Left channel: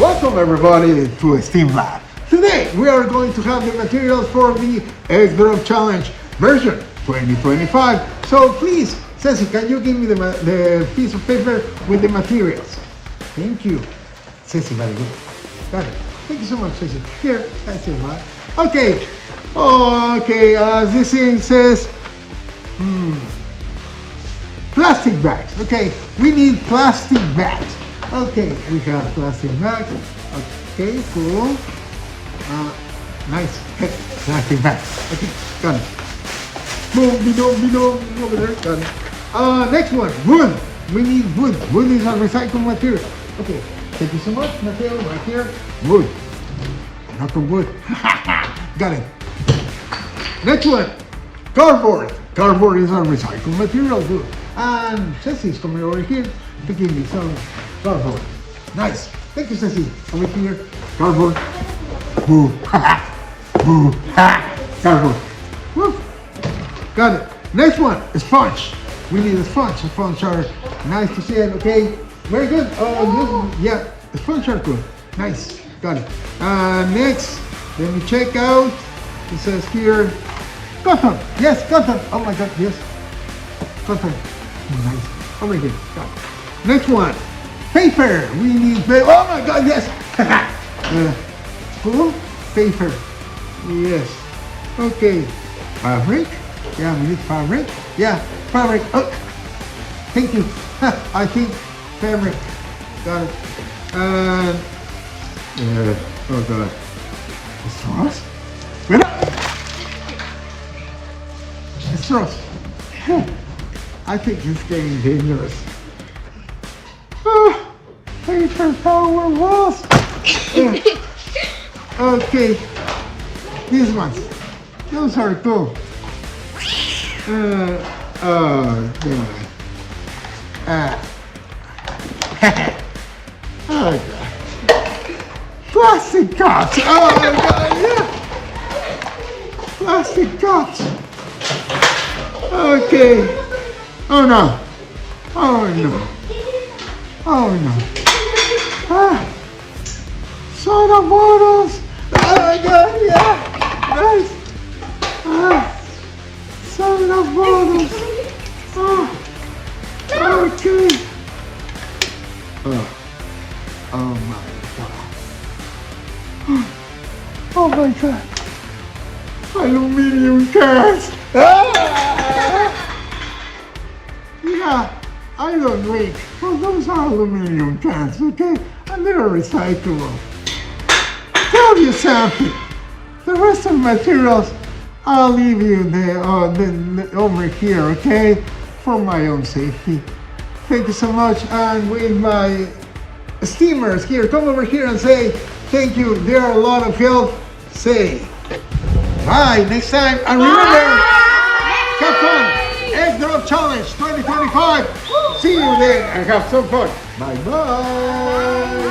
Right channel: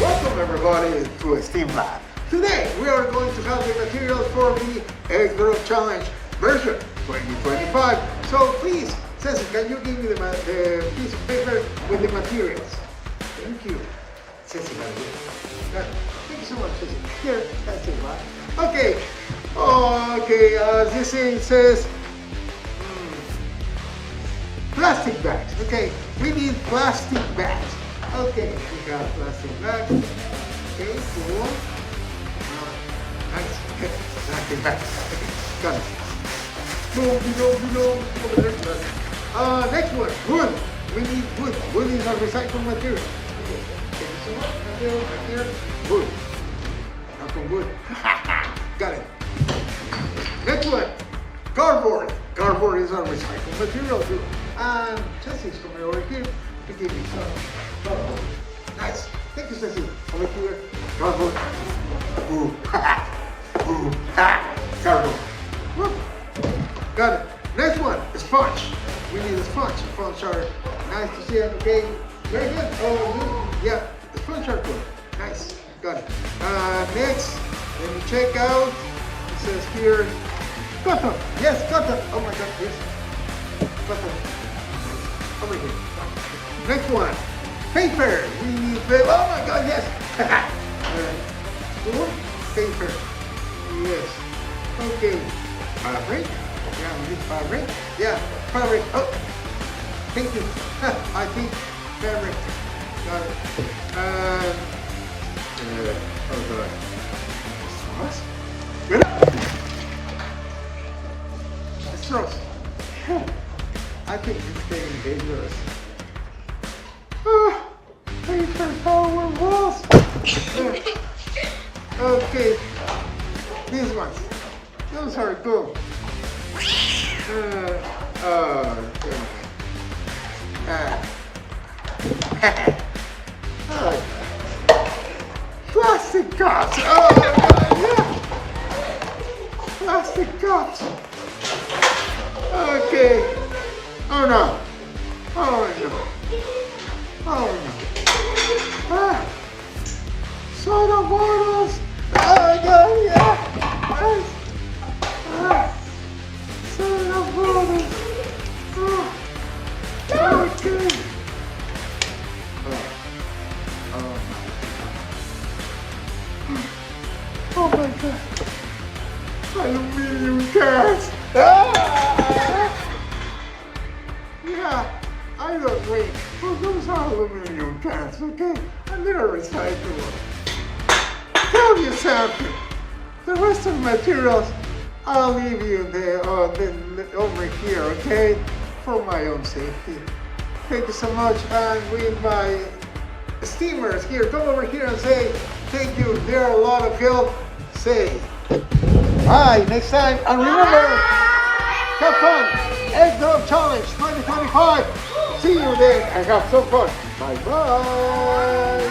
Welcome everybody to Steam Lab. Today we are going to have the materials for the Egg Drop Challenge version 2025. So please, Ceci, can you give me the piece of paper with the materials? Thank you. Ceci, very good. Got it. Thank you so much, Ceci. Here, that's it, man. Okay. Okay, this thing says, plastic bags. Okay, we need plastic bags. Okay, we have plastic bags. Okay, cool. Nice. Plastic bags. Okay, got it. Boom, over there. Got it. Next one, wood. We need wood. Wood is a recycled material. Okay, thank you so much, Mateo. Right here, wood. Not from wood. Got it. Next one, cardboard. Cardboard is a recycled material too. And Ceci's coming over here to give me some cardboard. Nice. Thank you, Ceci. Over here, cardboard. Boo. Boo. Cardboard. Woo. Got it. Next one, a sponge. We need a sponge. A sponge are nice to see it, okay? Very good. Yeah, a sponge are good. Nice. Got it. Next, let me check out. It says here, cotton. Yes, cotton. Oh my God, yes. Cotton. Nice. Over here. Got it. Next one, paper. We need paper. Oh my God, yes. Cool. Paper. Yes. Okay. Fabric. Yeah, we need fabric. Yeah, fabric. Oh, thank you. I think fabric. Got it. Oh God. Straws? Wait up! Straws. I think it's getting dangerous. Paper power walls. Okay. These ones. Those are cool. Oh God. Oh God. Plastic cups. Oh my God, yeah. Plastic cups. Okay. Oh no. Oh no. Oh no. Soda bottles. Oh my God, yeah. Nice. Soda bottles. Okay. Oh my God. Oh my God. Aluminium cans. Yeah, I don't drink. Well, those are aluminium cans, okay? And they're recyclable. Tell you something. The rest of the materials, I'll leave you there, over here, okay? For my own safety. Thank you so much. And with my steamers here, come over here and say thank you. They are a lot of help. Say bye next time. And remember, have fun. Egg Drop Challenge 2025. See you there and have some fun. Bye bye.